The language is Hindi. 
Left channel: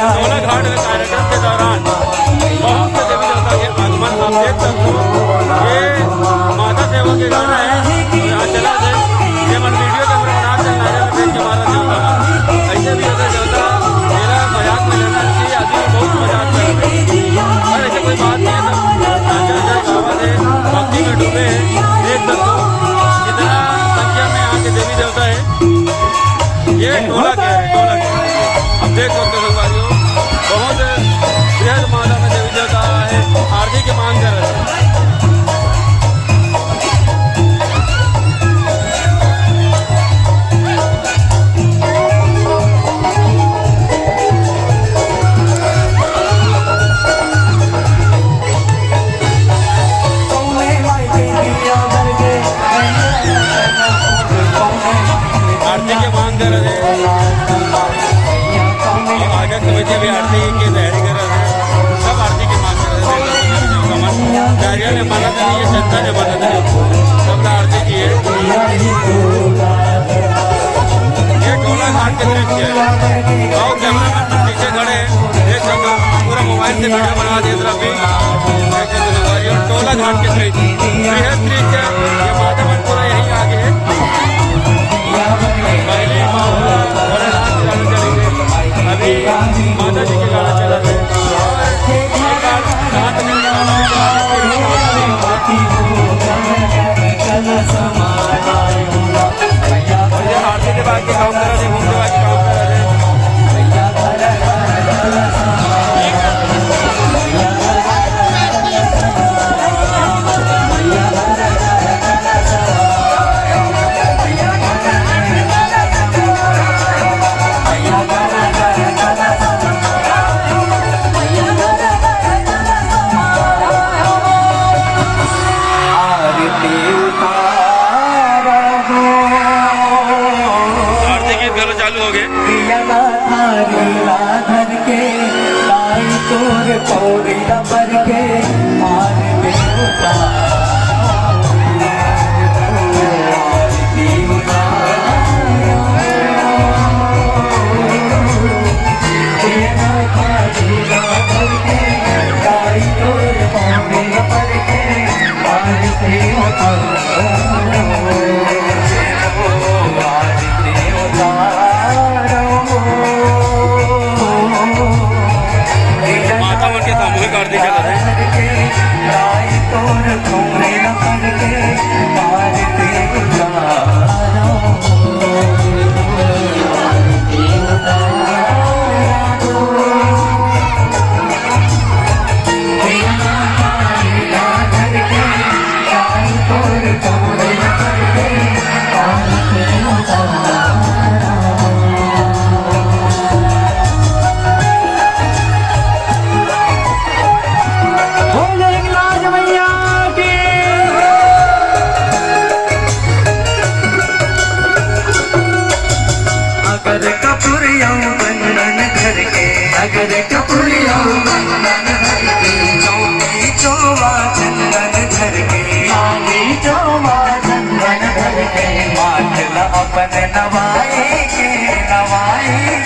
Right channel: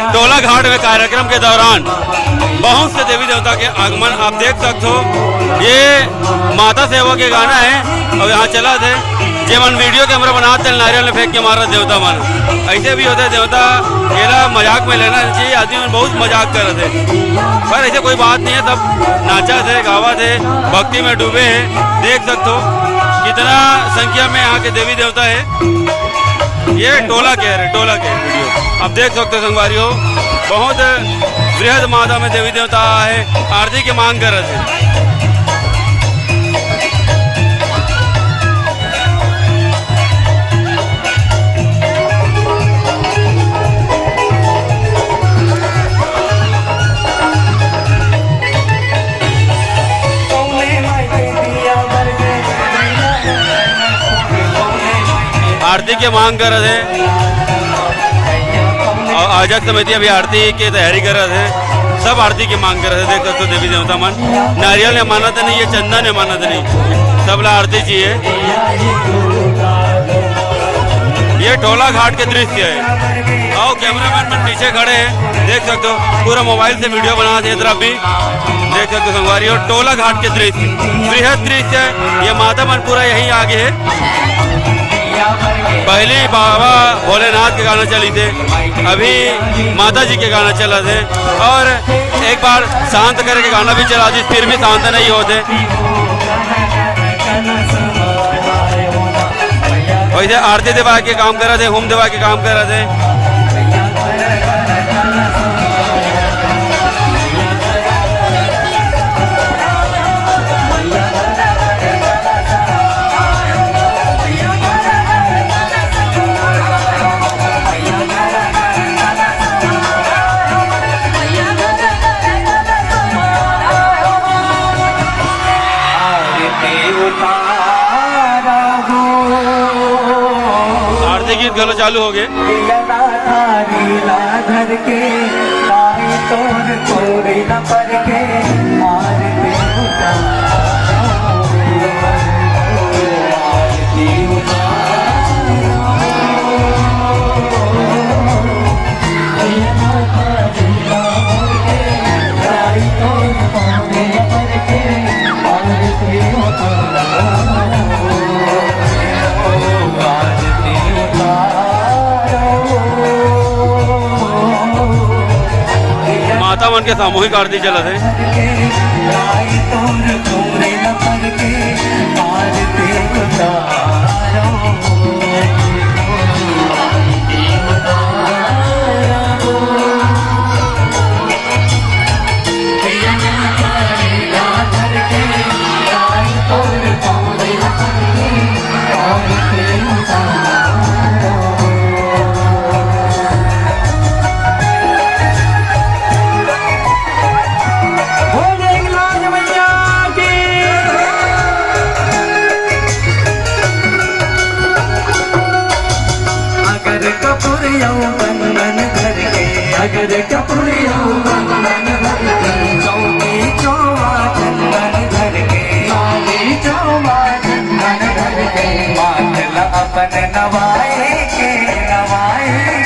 टोला घाट में कार्यक्रम के दौरान बहुत से देवी देवता के आगमन आप देख सकते हो। ये माता सेवा के गाना है और यहाँ चला थे जेमन वीडियो कैमरा बना चल नारियल में फेंक के मारा देवता मारा। ऐसे भी होते देवता मेरा मजाक में लेना चाहिए, आदमी बहुत मजाक कर रहे थे पर ऐसे कोई बात नहीं है। तब नाचा थे गावा थे भक्ति में डूबे हैं। देख सकते हो कितना संख्या में यहाँ के देवी देवता है। ये टोला कह रहे टोला कह अब देख सकते हो संगवारियों बहुत बृहद मात्रा में देवी देवता है आरती की मांग कर रहे थे। आरती की मांग कर रहे थे और आजाद समिति अभी आरती की तैयारी कर रहे थे। सब आरती की मांग कर रहे थे। देखो तो देवी देवता मन नारियल ने मानत नहीं है, चंदन ने मानत नहीं, सब ला आरती चाहिए। ये टोला घाट के दृश्य है और कैमरामैन पीछे खड़े हैं देख सकते हो पूरा मोबाइल से वीडियो बना दे इधर भी देख सकते हो संगवारी। और टोला घाट के दृश्य बृहद दृश्य है। ये माता मन पूरा यहीं आगे है। पहले बाबा भोलेनाथ के गाना चली थे, अभी माता जी के गाना चला थे और एक बार शांत करके गाना भी चला दी, फिर भी शांत नहीं होते। वैसे आरती दिवा के काम कर रहे थे, होम दिवा के काम कर रहे थे। आरती गीत गलो चालू हो गए। माता मन के सामूहिक आरती चला है। अगर कपुरिया चंदन घर के चौकी चौवा चंदन घर के चौकी चौवा चंदन घर के मातला अपन नवाए के नवाए